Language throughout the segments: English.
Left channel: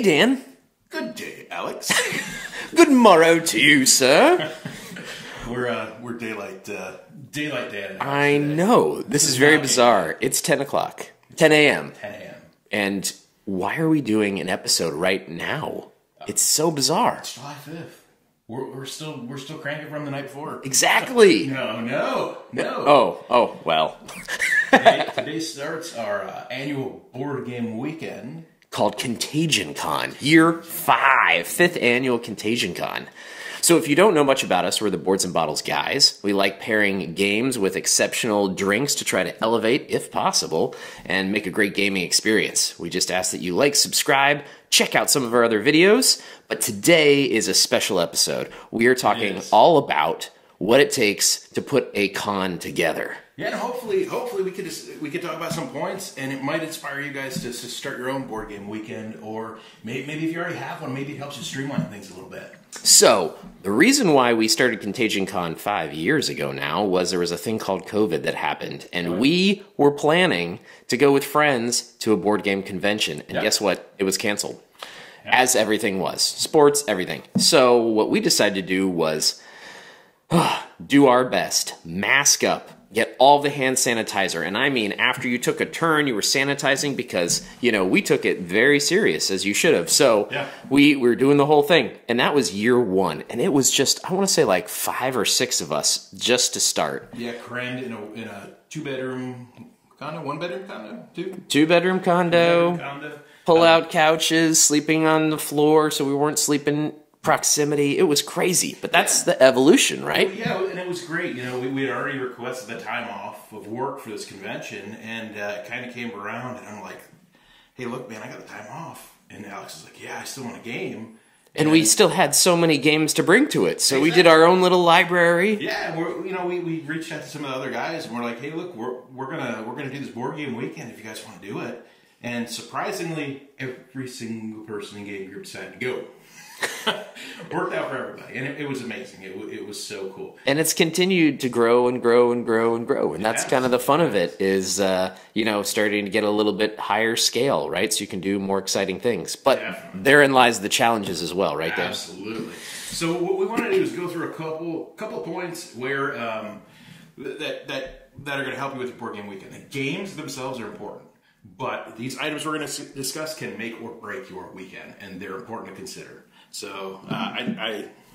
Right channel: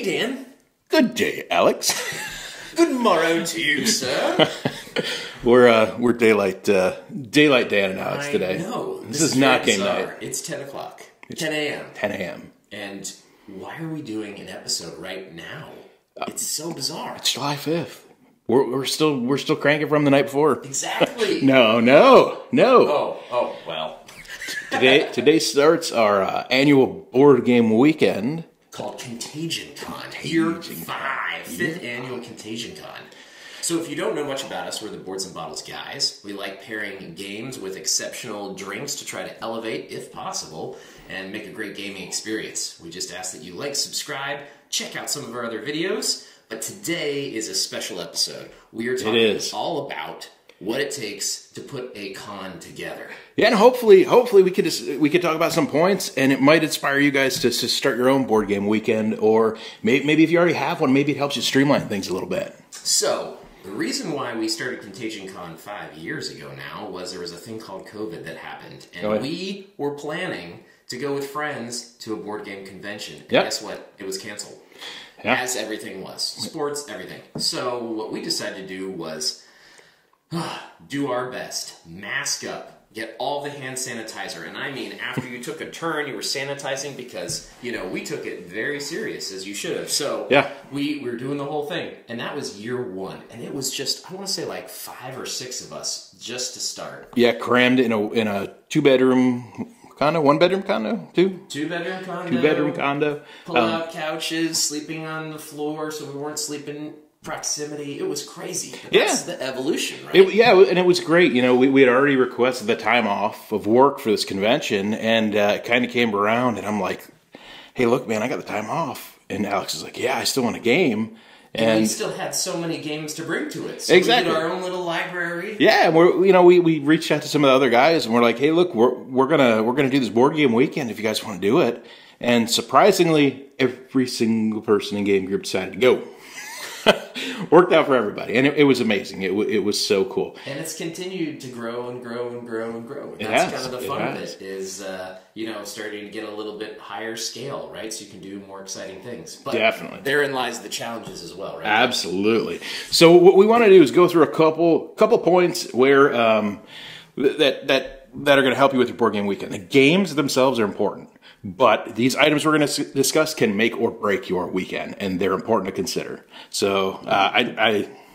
Hey, Dan. Good day, Alex. Good morrow to you, sir. We're daylight Dan and Alex I today. know. This is very not bizarre. Game It's 10 o'clock. 10 a.m. 10 a.m. And why are we doing an episode right now? It's so bizarre. It's July 5th. We're still cranking from the night before. Exactly. No. Oh, well. Today starts our annual board game weekend. Called Contagion Con. Year 5. 5th annual Contagion Con. So if you don't know much about us, we're the Boards and Bottles guys. We like pairing games with exceptional drinks to try to elevate, if possible, and make a great gaming experience. We just ask that you like, subscribe, check out some of our other videos. But today is a special episode. We are talking all about what it takes to put a con together. Yeah, and hopefully we could talk about some points, and it might inspire you guys to start your own board game weekend, or maybe if you already have one, maybe it helps you streamline things a little bit. So, the reason why we started Contagion Con 5 years ago now was there was a thing called COVID that happened, and we were planning to go with friends to a board game convention, and guess what? It was canceled. As everything was. Sports, everything. So, what we decided to do was do our best, mask up, get all the hand sanitizer. And I mean, after you took a turn, you were sanitizing because, we took it very serious, as you should have. So we were doing the whole thing. And that was year 1. And it was just, I want to say like 5 or 6 of us just to start. Yeah, crammed in a 2-bedroom condo, 1-bedroom condo, 2-bedroom condo. 2-bedroom condo. Pull-out couches, sleeping on the floor so we weren't sleeping proximity. It was crazy, but that's the evolution, right? And it was great. We had already requested the time off of work for this convention, and it kind of came around, and I'm like, hey, look, man, I got the time off. And Alex is like, yeah, I still want a game. And we still had so many games to bring to it. So we did our own little library. Yeah, and we reached out to some of the other guys, and we're like, hey, look, we're gonna do this board game weekend if you guys want to do it. And surprisingly, every single person in game group decided to go. Worked out for everybody, and it was amazing. It was so cool, and it's continued to grow and grow and grow and grow, and that's kind of the fun of it. Is starting to get a little bit higher scale, right? So you can do more exciting things. But therein lies the challenges as well, right? Absolutely. So what we want to do is go through a couple points where that are going to help you with your board game weekend. The games themselves are important. But these items we're going to discuss can make or break your weekend, and they're important to consider. So,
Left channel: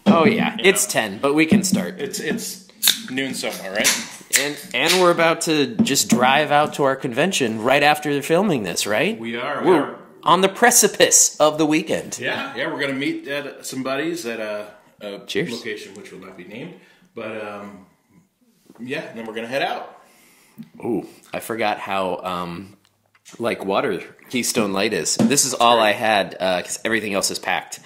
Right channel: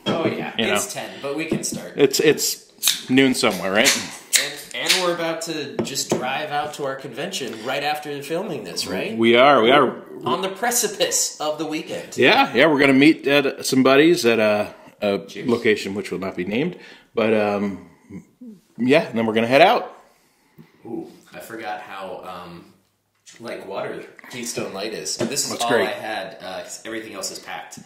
it's 10, but we can start. It's noon somewhere, right? And we're about to just drive out to our convention right after filming this, right? We are on the precipice of the weekend. Yeah, we're going to meet at some buddies at a location which will not be named, but and then we're going to head out. Ooh, I forgot how like water Keystone Light is. This is all great. I had because everything else is packed.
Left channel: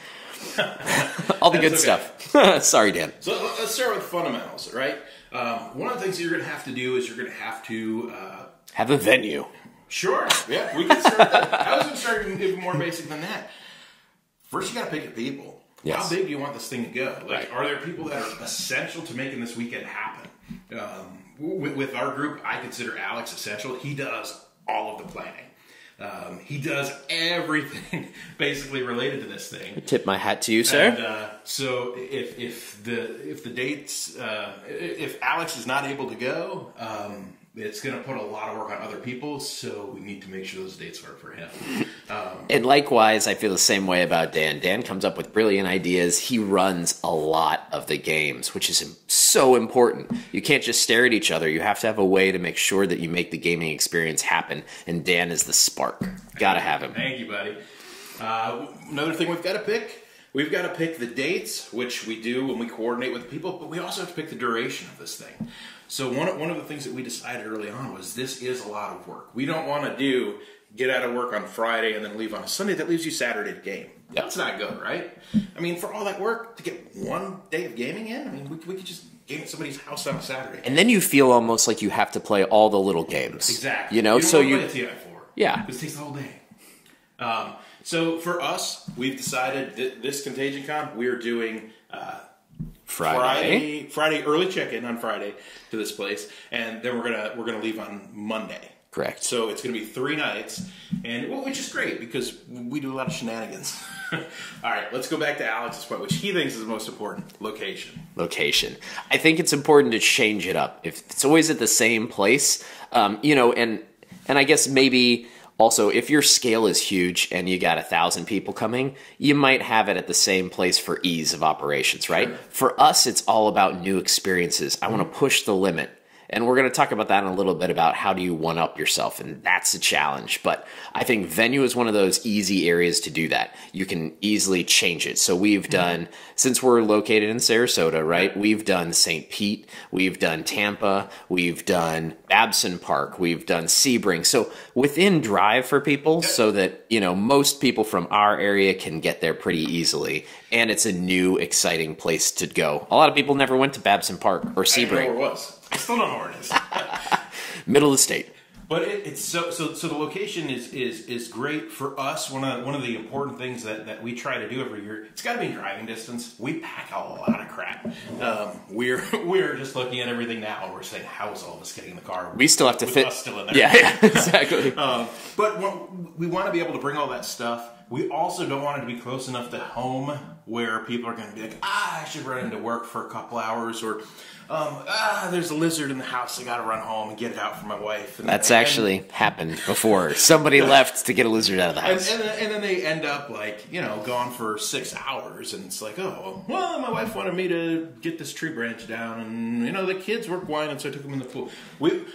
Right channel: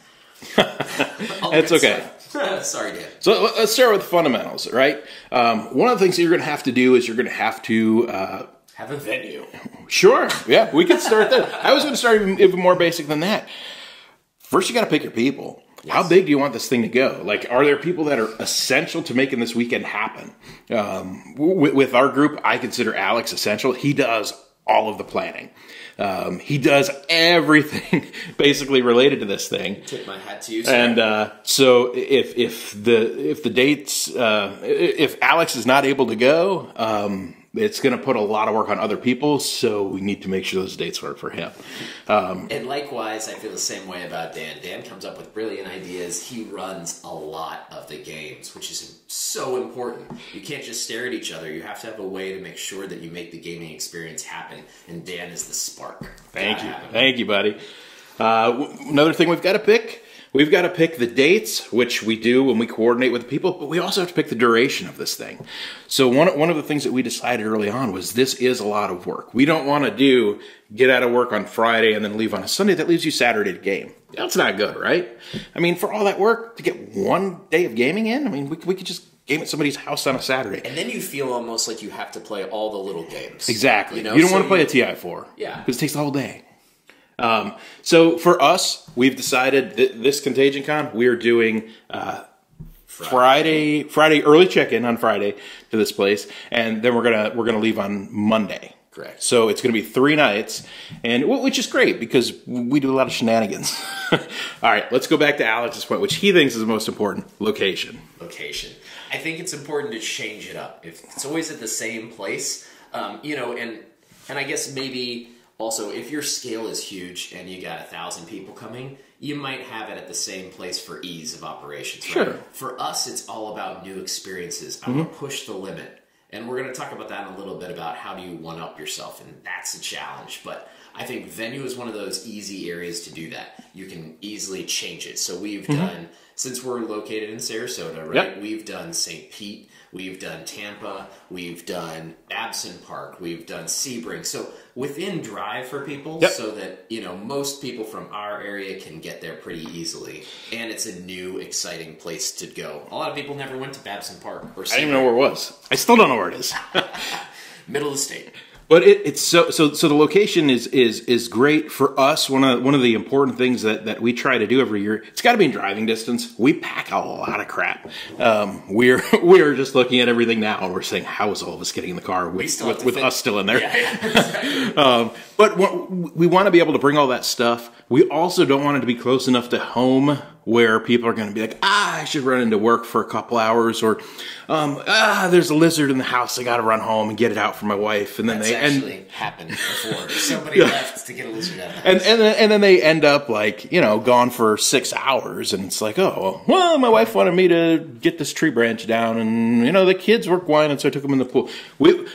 All the good stuff. Sorry, Dan. So let's start with fundamentals, right? One of the things that you're going to have to do is you're going to have to have a venue. Sure. Yeah, we could start that. I was going to start even more basic than that. First, you got to pick your people. Yes. How big do you want this thing to go? Like, are there people that are essential to making this weekend happen? With our group, I consider Alex essential. He does all of the planning. He does everything basically related to this thing. Tip my hat to you, sir. And so if the dates, if Alex is not able to go, it's going to put a lot of work on other people, so we need to make sure those dates work for him. And likewise, I feel the same way about Dan. Dan comes up with brilliant ideas. He runs a lot of the games, which is so important. You can't just stare at each other. You have to have a way to make sure that you make the gaming experience happen, and Dan is the spark. Gotta have him. Thank you, buddy. Another thing we've got to pick. We've got to pick the dates, which we do when we coordinate with people, but we also have to pick the duration of this thing. So one of the things that we decided early on was this is a lot of work. We don't want to get out of work on Friday and then leave on a Sunday. That leaves you Saturday to game. That's not good, right? I mean, for all that work to get one day of gaming in, I mean, we could just game at somebody's house on a Saturday. And then you feel almost like you have to play all the little games. Exactly. You don't want to play a TI-4. Yeah. Because it takes the whole day. So for us, we've decided that this Contagion Con, we're doing Friday early check-in on Friday to this place, and then we're gonna leave on Monday. Correct. So it's going to be 3 nights, and which is great because we do a lot of shenanigans. All right, let's go back to Alex's point, which he thinks is the most important: location. Location. I think it's important to change it up. If it's always at the same place, you know, and I guess maybe also if your scale is huge and you got 1,000 people coming, you might have it at the same place for ease of operations, right? Sure. For us, it's all about new experiences. I want to push the limit. And we're going to talk about that in a little bit about how do you one-up yourself, and that's a challenge. But I think venue is one of those easy areas to do that. You can easily change it. So we've done, since we're located in Sarasota, right? Yep. We've done St. Pete, we've done Tampa, we've done Babson Park, we've done Sebring. So within drive for people, so that, you know, most people from our area can get there pretty easily. And it's a new, exciting place to go. A lot of people never went to Babson Park or Sebring. I didn't know where it was. I still don't know where it is. Middle of the state. But it's so the location is great for us. One of the important things that we try to do every year, it's got to be in driving distance. We pack a lot of crap. We're just looking at everything now, and we're saying, how is all of us getting in the car? We still have to with fit. Us still in there. Yeah, exactly. But we want to be able to bring all that stuff. We also don't want it to be close enough to home where people are going to be like, I should run into work for a couple hours, or there's a lizard in the house. I got to run home and get it out for my wife. And then that's actually happened before. Somebody left to get a lizard out of the house, and then they end up like, you know, gone for 6 hours, and it's like, oh well, my wife wanted me to get this tree branch down, and you know the kids were whining, so I took them in the pool. We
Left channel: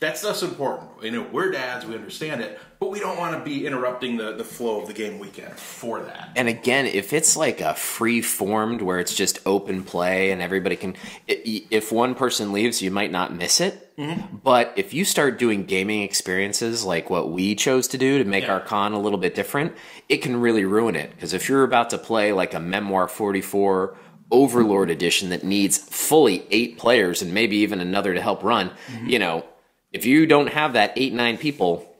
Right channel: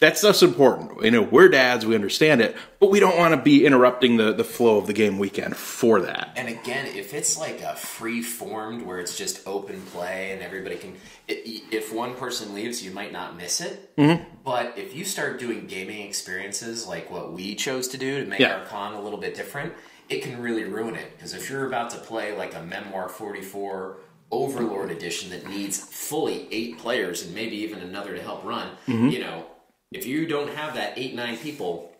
That's us important. You know, we're dads, we understand it, but we don't want to be interrupting the flow of the game weekend for that. And again, if it's like a free-formed where it's just open play and everybody can... If one person leaves, you might not miss it. Mm-hmm. But if you start doing gaming experiences like what we chose to do to make our con a little bit different, it can really ruin it. Because if you're about to play like a Memoir 44 Overlord edition that needs fully 8 players and maybe even another to help run, you know... If you don't have that 8-9 people,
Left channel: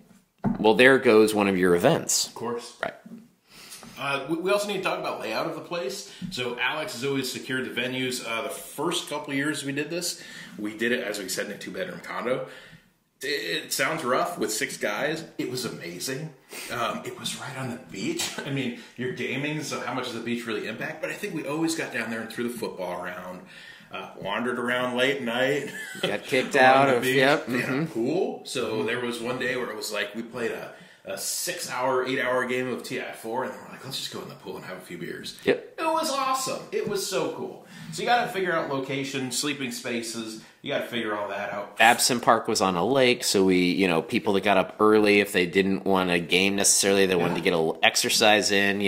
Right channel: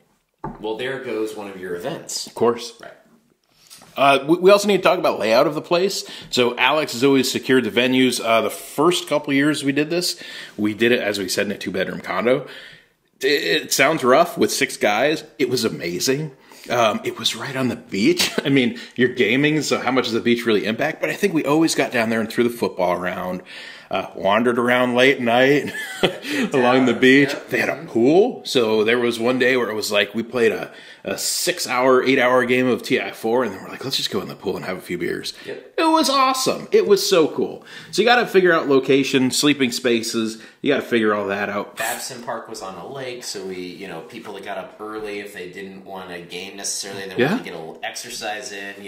well, there goes one of your events. Of course. Right. We also need to talk about layout of the place. So Alex has always secured the venues. The first couple of years we did this, we did it, as we said, in a 2-bedroom condo. It sounds rough with 6 guys. It was amazing. It was right on the beach. I mean, you're gaming, so how much does the beach really impact? But I think we always got down there and threw the football around. Wandered around late at night along the beach. Yep. They had a pool. So there was one day where it was like we played a 6-hour, 8-hour game of TI4, and then we're like, let's just go in the pool and have a few beers. Yep. It was awesome. It was so cool. So you got to figure out location, sleeping spaces. You got to figure all that out. Babson Park was on a lake, so we, people that got up early, if they didn't want a game necessarily, they wanted to get a little exercise in,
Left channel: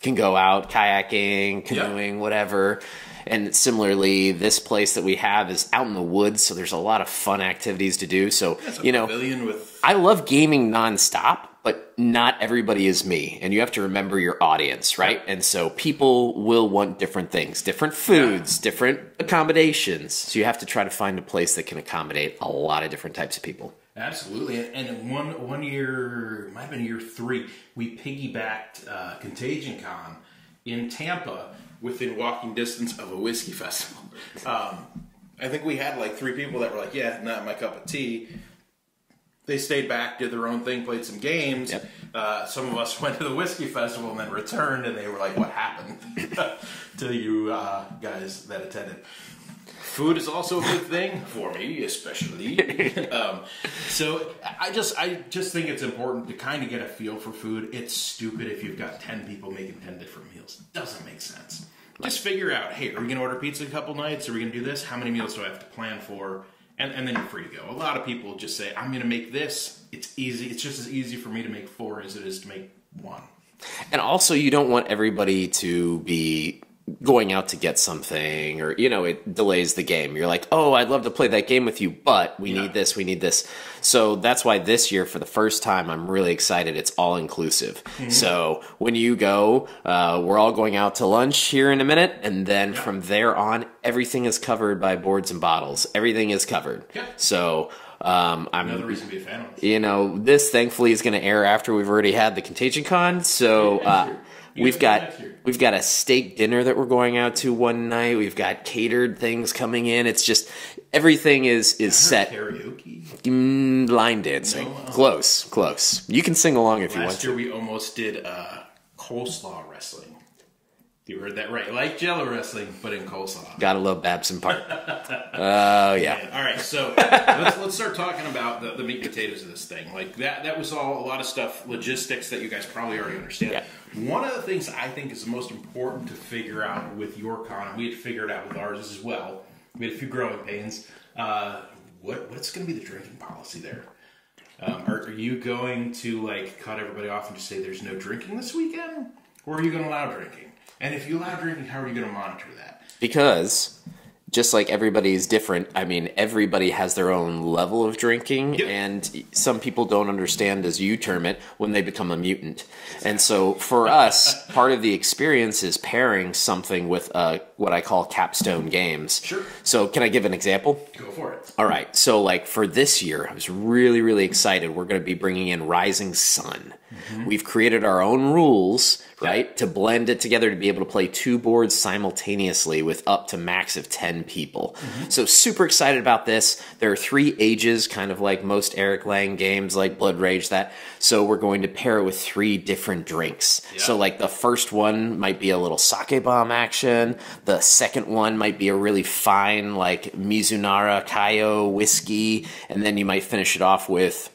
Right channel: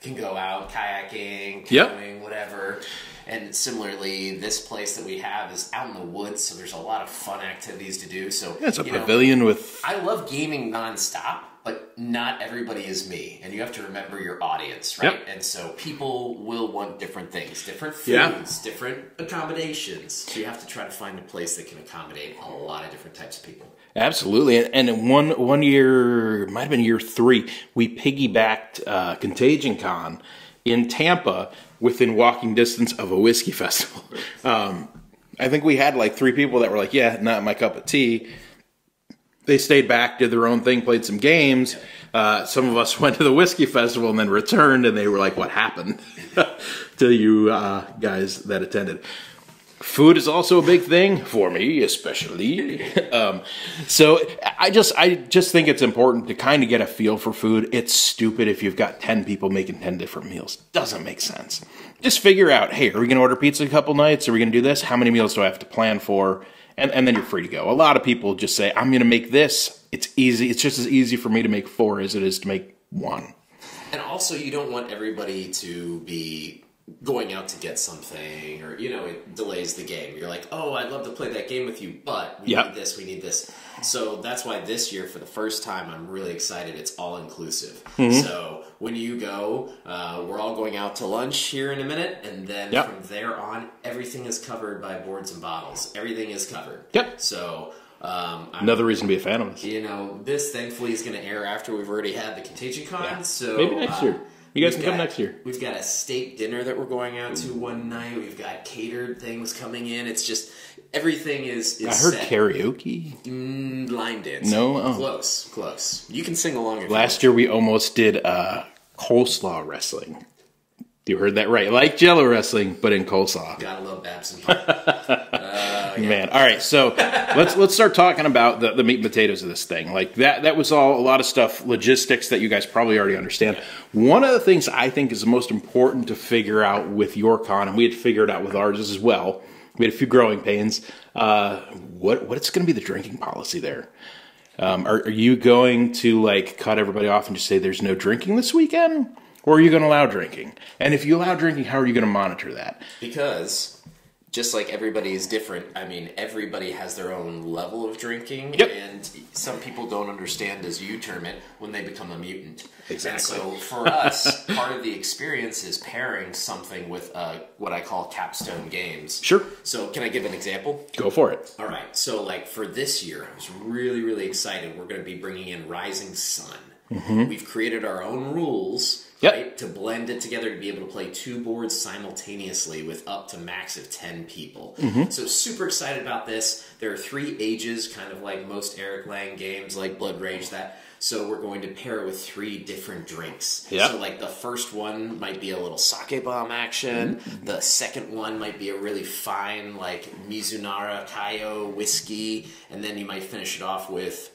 can go out kayaking, canoeing, whatever. And similarly, this place that we have is out in the woods, so there's a lot of fun activities to do. So it's a pavilion with... I love gaming nonstop, but not everybody is me. And you have to remember your audience, right? Yep. And so people will want different things, different foods, different accommodations. So you have to try to find a place that can accommodate a lot of different types of people. Absolutely. And in one year, it might have been year 3, we piggybacked Contagion Con in Tampa within walking distance of a whiskey festival. I think we had like 3 people that were like, yeah, not my cup of tea. They stayed back, did their own thing, played some games. Yep. Some of us went to the whiskey festival and then returned, and they were like, what happened to you guys that attended? Food is also a big thing for me, especially. So I just think it's important to kind of get a feel for food. It's stupid if you've got 10 people making 10 different meals. Doesn't make sense. Just figure out, hey, are we going to order pizza a couple nights? Are we going to do this? How many meals do I have to plan for? And then you're free to go. A lot of people just say, I'm going to make this. It's easy. It's just as easy for me to make 4 as it is to make 1. And also, you don't want everybody to be going out to get something, or it delays the game. You're like, oh, I'd love to play that game with you, but we need this. So that's why this year, for the first time, I'm really excited. It's all inclusive. Mm-hmm. So when you go, we're all going out to lunch here in a minute, and then from there on, everything is covered by boards and bottles. Everything is covered. Yep. So another reason to be a fan of this. This thankfully is going to air after we've already had the Contagion Con. So You guys can come next year. We've got a steak dinner that we're going out to one night. We've got catered things coming in. It's just everything is set. Karaoke, line dancing. No, close. You can sing along if you want. Last year we almost did coleslaw wrestling. You heard that right. Like Jello wrestling, but in coleslaw. Gotta love Babson Park. Yeah. Man. All right, so let's start talking about the meat and potatoes of this thing. Like that was all a lot of stuff, logistics that you guys probably already understand. Yeah. One of the things I think is the most important to figure out with your con, and we had to figure it out with ours as well. We had a few growing pains. What's going to be the drinking policy there? Are you going to like cut everybody off and just say there's no drinking this weekend? Or are you going to allow drinking? And if you allow drinking, how are you going to monitor that? Because just like everybody is different, I mean, everybody has their own level of drinking. Yep. And some people don't understand, as you term it, when they become a mutant. Exactly. And so for us, part of the experience is pairing something with what I call capstone games. Sure. So can I give an example? Go for it. All right. So like for this year, I was really, really excited. We're going to be bringing in Rising Sun. Mm-hmm. We've created our own rules, right, to blend it together to be able to play two boards simultaneously with up to max of 10 people. Mm-hmm. So super excited about this. There are 3 ages, kind of like most Eric Lang games like Blood Rage, that. So we're going to pair it with 3 different drinks. Yep. So like the first one might be a little sake bomb action. Mm-hmm. The second one might be a really fine like Mizunara Kaio whiskey. And then you might finish it off with...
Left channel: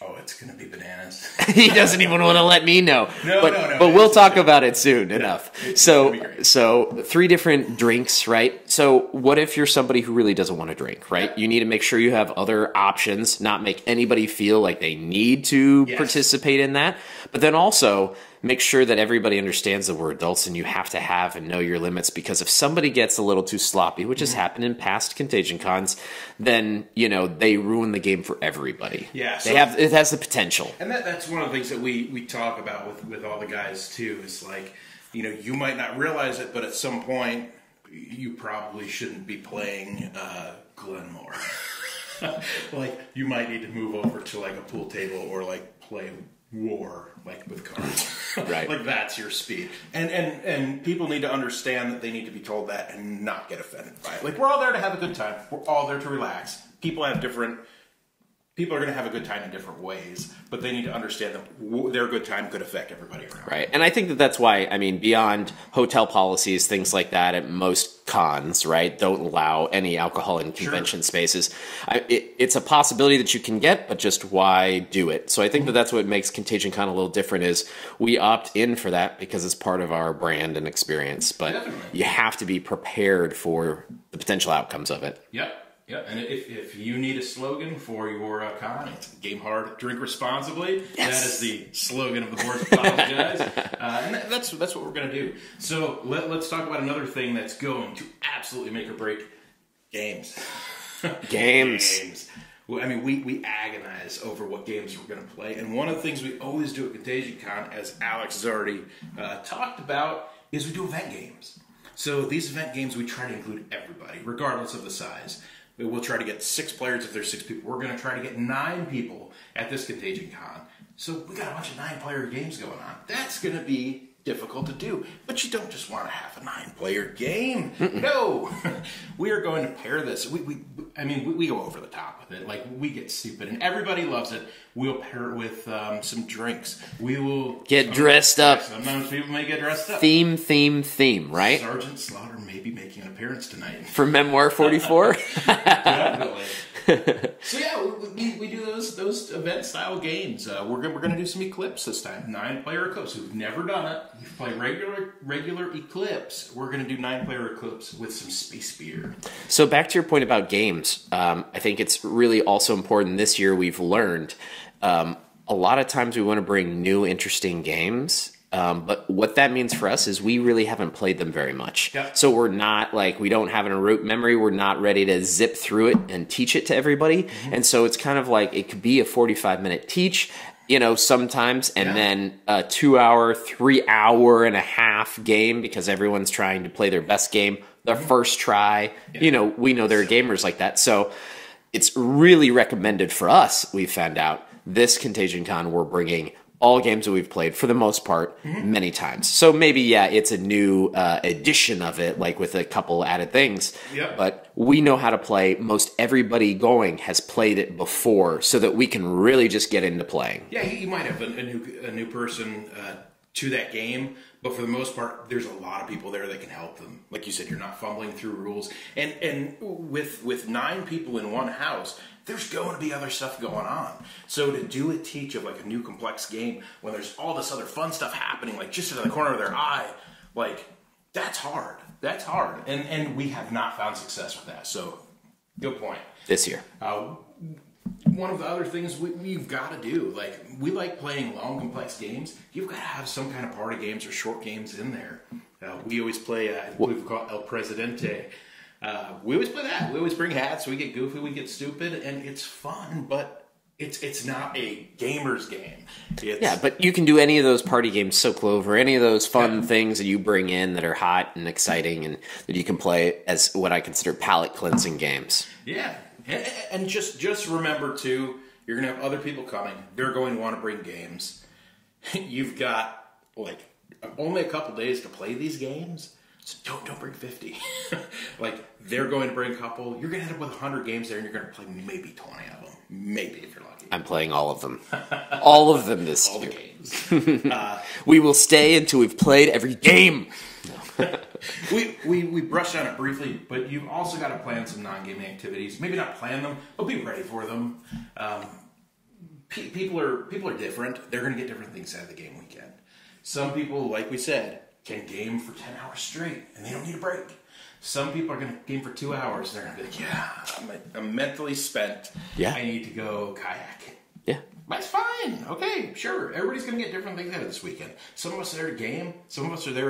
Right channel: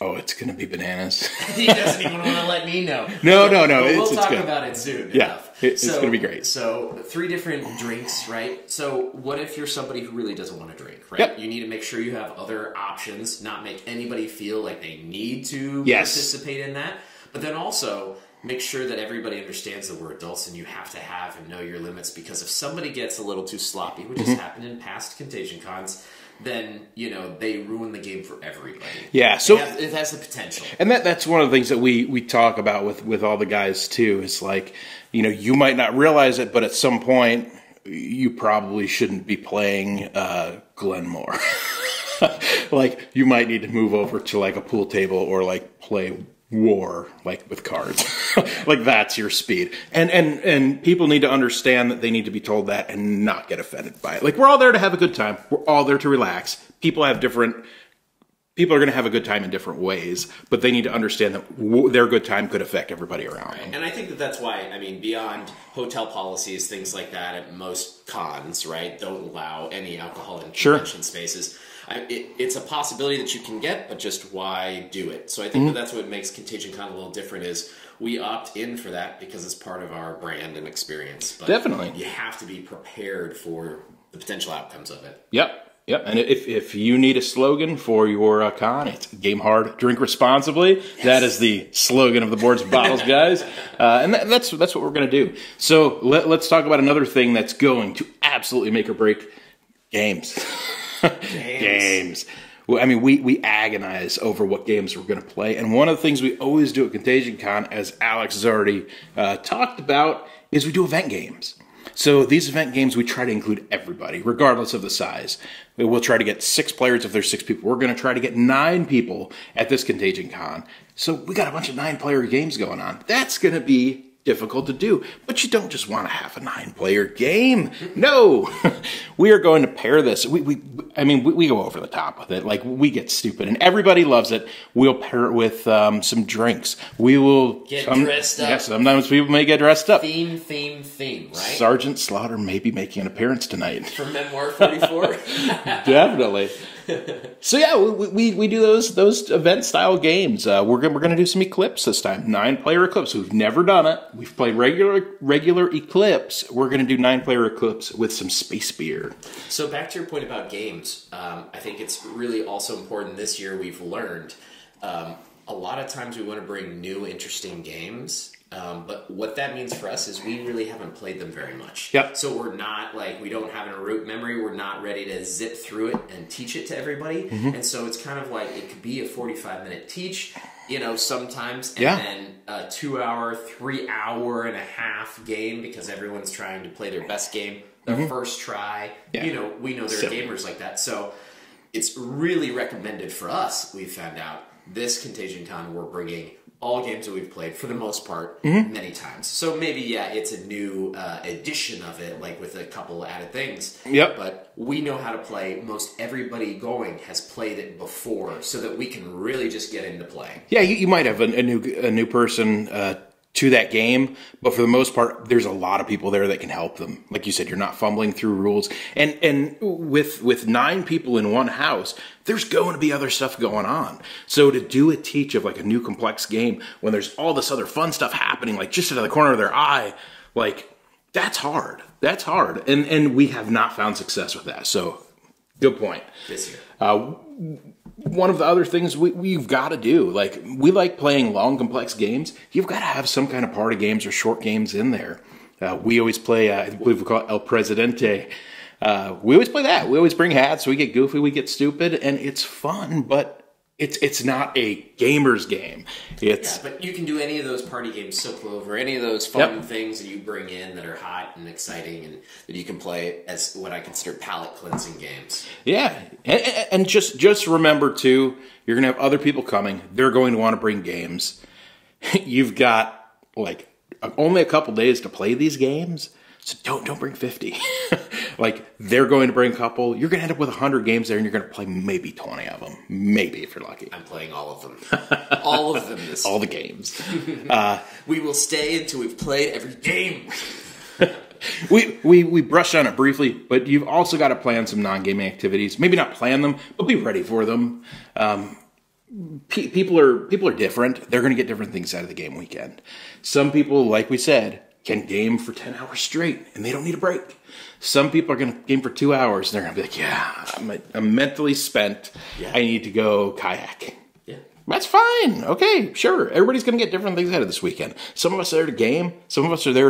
Oh, it's going to be bananas. He doesn't even want to let me know. No. But we'll talk about it soon enough. It's going to be great. So 3 different drinks, right? So what if you're somebody who really doesn't want to drink, right? Yep. You need to make sure you have other options, not make anybody feel like they need to participate in that. But then also... make sure that everybody understands that we're adults and you have to have and know your limits, because if somebody gets a little too sloppy, which has happened in past Contagion Cons, then, you know, they ruin the game for everybody. Yeah. So it has the potential. And that's one of the things that we talk about with all the guys too, is like, you know, you might not realize it, but at some point you probably shouldn't be playing Glenmore. Like you might need to move over to like a pool table or like play War, like with cards. Right. Like that's your speed. And people need to understand that they need to be told that and not get offended by it. Like we're all there to have a good time. We're all there to relax. People are going to have a good time in different ways, but they need to understand that their good time could affect everybody around. Right. And I think that that's why, I mean, beyond hotel policies, things like that at most cons, right, don't allow any alcohol in convention spaces. It's a possibility that you can get, but just why do it? So I think that that's what makes Contagion Con a little different, is we opt in for that because it's part of our brand and experience. But definitely, you have to be prepared for the potential outcomes of it. Yep. Yeah, and if you need a slogan for your con, it's game hard, drink responsibly. Yes. That is the slogan of the Boards and Bottles, guys. And that's what we're going to do. So let's talk about another thing that's going to absolutely make or break games. Games. Well, I mean, we agonize over what games we're going to play. And one of the things we always do at Contagion Con, as Alex has already talked about, is we do event games. So these event games, we try to include everybody, regardless of the size. We'll try to get 6 players if there's 6 people. We're going to try to get 9 people at this Contagion Con. So we got a bunch of 9-player games going on. That's going to be difficult to do. But you don't just want to have a 9-player game. No. We are going to pair this. We go over the top with it. Like, we get stupid, and everybody loves it. We'll pair it with some drinks. We will get dressed up. Sometimes people may get dressed up. Theme, right? Sergeant Slaughter may be making an appearance tonight. For Memoir 44? Definitely. So yeah, we do those event style games. We're gonna do some Eclipse this time. 9-player Eclipse. We've never done it. We've played regular Eclipse. We're gonna do 9-player Eclipse with some space beer. So back to your point about games, I think it's really also important this year. We've learned a lot of times we want to bring new, interesting games. But what that means for us is we really haven't played them very much. Yep. So we're not like, we don't have a rote memory. We're not ready to zip through it and teach it to everybody. Mm-hmm. And so it's kind of like, it could be a 45-minute teach, you know, sometimes, and then a 2-hour, 3-hour and a half game, because everyone's trying to play their best game, their first try. Yeah. You know, we know there are gamers like that. So it's really recommended for us, we found out, this Contagion Con, we're bringing all games that we've played for the most part many times. So maybe, yeah, it's a new edition of it, like with a couple added things. Yep. But we know how to play. Most everybody going has played it before, so that we can really just get into playing. Yeah, you might have a new person to that game, but for the most part, there's a lot of people there that can help them. Like you said, you're not fumbling through rules, and with 9 people in one house, there's going to be other stuff going on. So to do a teach of like a new complex game when there's all this other fun stuff happening, like just out of the corner of their eye, like that's hard. That's hard, and we have not found success with that. So good point. This year. One of the other things we've got to do, like we like playing long, complex games. You've got to have some kind of party games or short games in there. We always play, I believe we call it El Presidente. We always play that. We always bring hats. We get goofy. We get stupid, and it's fun. But it's not a gamer's game. Yeah, but you can do any of those party games, So Clover, any of those fun things that you bring in that are hot and exciting, and that you can play as what I consider palate cleansing games. Yeah. And just remember, too, you're going to have other people coming. They're going to want to bring games. You've got, like, only a couple days to play these games, so don't bring 50. Like, they're going to bring a couple. You're going to end up with 100 games there, and you're going to play maybe 20 of them. Maybe, if you're lucky. I'm playing all of them. All of them this all the games. We will stay until we've played every game. We brushed on it briefly, but you've also got to plan some non-gaming activities. Maybe not plan them, but be ready for them. People are different. They're going to get different things out of the game weekend. Some people, like we said, can game for 10 hours straight, and they don't need a break. Some people are going to game for 2 hours, and they're going to be like, yeah, I'm mentally spent. Yeah. I need to go kayak. Yeah. That's fine. Okay, sure. Everybody's going to get different things out of this weekend. Some of us are there to game. Some of us are there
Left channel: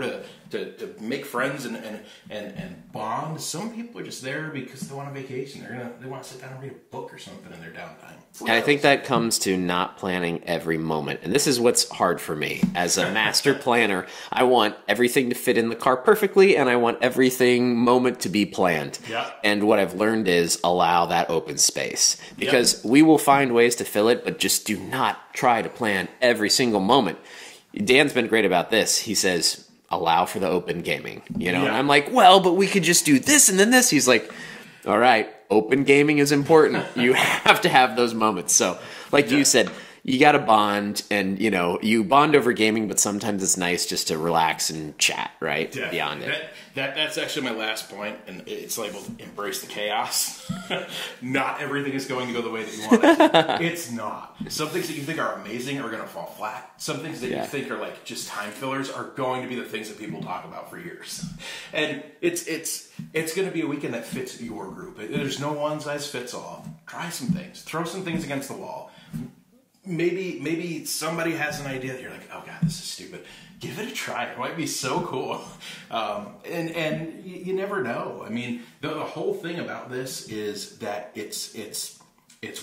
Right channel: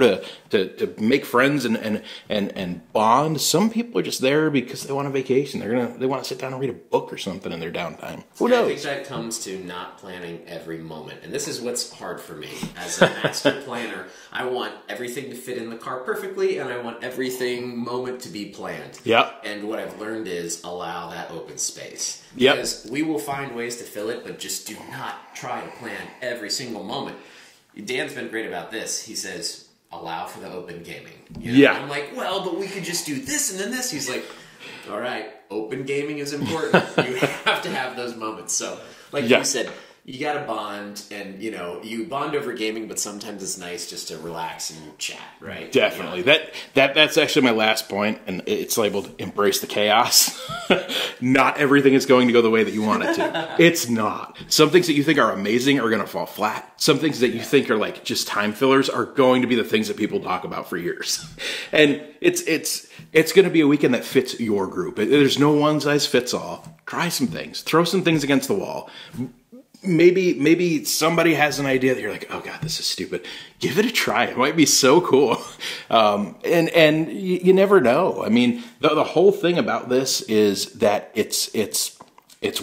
to make friends and bond. Some people are just there because they want a vacation. They want to sit down and read a book or something in their downtime. I think that comes to not planning every moment. And this is what's hard for me. As a master planner, I want everything to fit in the car perfectly, and I want everything moment to be planned. Yeah. And what I've learned is allow that open space. Because we will find ways to fill it, but just do not try to plan every single moment. Dan's been great about this. He says, allow for the open gaming. You know, and I'm like, well, but we could just do this and then this. He's like, all right, open gaming is important. You have to have those moments. So, like you said, you got to bond, and you bond over gaming, but sometimes it's nice just to relax and chat, right? Definitely. That's actually my last point, and it's labeled "Embrace the Chaos." Not everything is going to go the way that you want it to. It's not. Some things that you think are amazing are going to fall flat. Some things that you think are like just time fillers are going to be the things that people talk about for years. And it's going to be a weekend that fits your group. There's no one size fits all. Try some things. Throw some things against the wall. Maybe somebody has an idea that you're like, oh god, this is stupid. Give it a try. It might be so cool. And you never know. I mean, the whole thing about this is that it's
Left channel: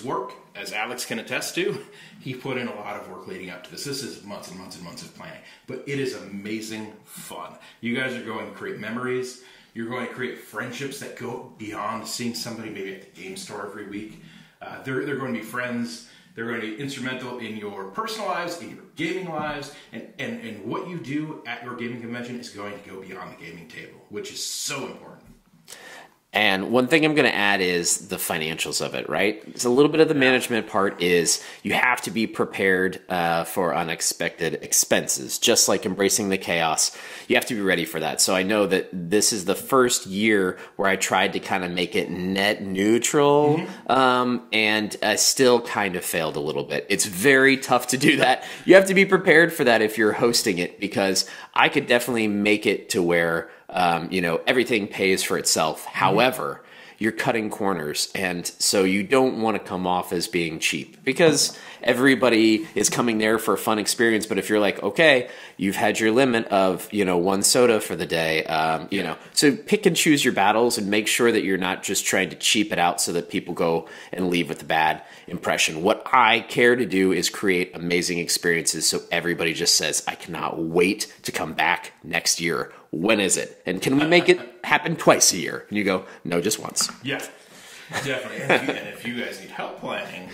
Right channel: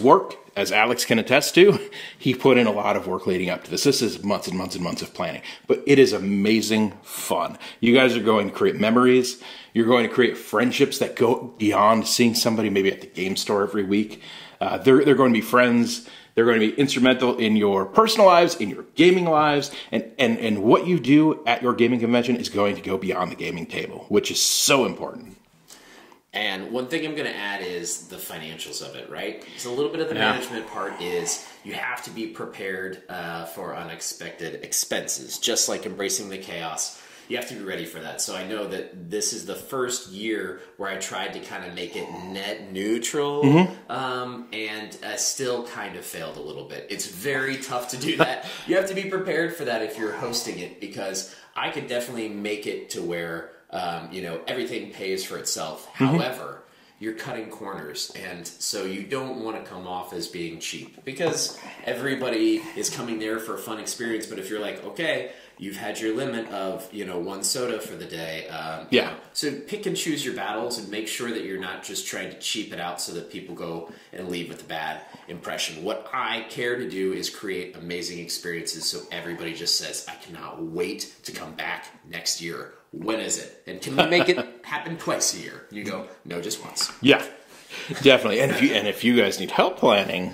work, as Alex can attest to. He put in a lot of work leading up to this. This is months and months and months of planning, but it is amazing fun. You guys are going to create memories. You're going to create friendships that go beyond seeing somebody maybe at the game store every week. They're going to be friends. They're going to be instrumental in your personal lives, in your gaming lives, and what you do at your gaming convention is going to go beyond the gaming table, which is so important. And one thing I'm going to add is the financials of it, right? So a little bit of the management part is you have to be prepared for unexpected expenses, just like embracing the chaos. You have to be ready for that. So I know that this is the first year where I tried to kind of make it net neutral, and I still kind of failed a little bit. It's very tough to do that. You have to be prepared for that if you're hosting it, because I could definitely make it to where everything pays for itself. However, you're cutting corners, and so you don't want to come off as being cheap, because everybody is coming there for a fun experience. But if you're like, okay, you've had your limit of one soda for the day, so pick and choose your battles and make sure that you're not just trying to cheap it out so that people go and leave with a bad impression. What I care to do is create amazing experiences, so everybody just says, I cannot wait to come back next year. When is it? And can we make it happen twice a year? And you go, no, just once. Yeah, definitely. And if you guys need help planning,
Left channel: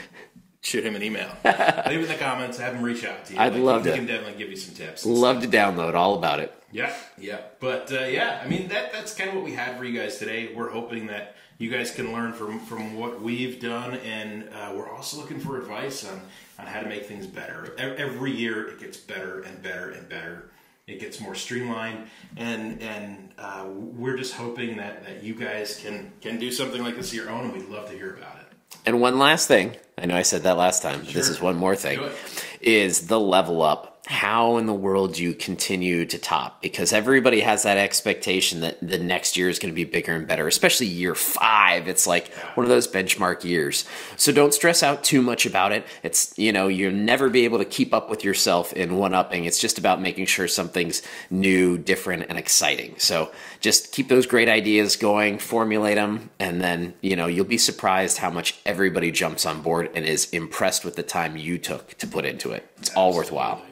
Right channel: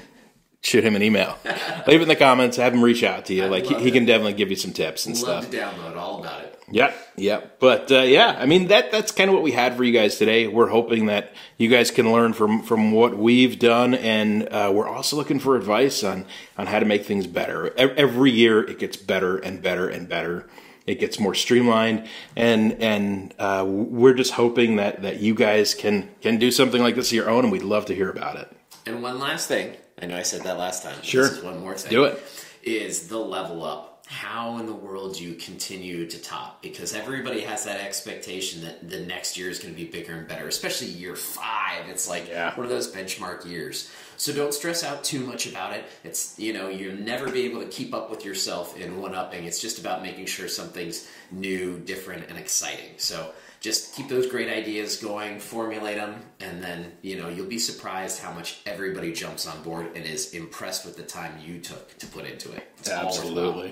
shoot him an email. Leave it in the comments. Have him reach out to you. He can definitely give you some tips and stuff. Love to download all about it. Yeah. But I mean that's kind of what we had for you guys today. We're hoping that you guys can learn from what we've done, and we're also looking for advice on how to make things better. Every year it gets better and better and better. It gets more streamlined, and we're just hoping that you guys can do something like this of your own, and we'd love to hear about it. And one last thing, I know I said that last time. Sure. This is one more thing. Do it. Is the level up. How in the world do you continue to top? Because everybody has that expectation that the next year is going to be bigger and better, especially year 5. It's like one of those benchmark years. So don't stress out too much about it. It's, you'll never be able to keep up with yourself in one-upping. It's just about making sure something's new, different, and exciting. So just keep those great ideas going, formulate them, and then, you'll be surprised how much everybody jumps on board and is impressed with the time you took to put into it. It's all worthwhile.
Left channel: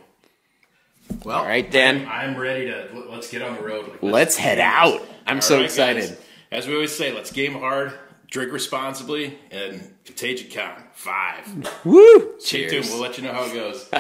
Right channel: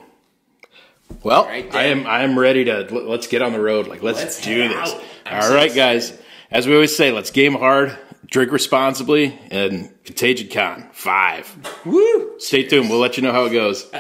Well, all right, Dan. I'm ready to let's get on the road. Let's head out. I'm so excited. Guys. As we always say, let's game hard, drink responsibly, and Contagion Con 5. Woo! Stay tuned. We'll let you know how it goes.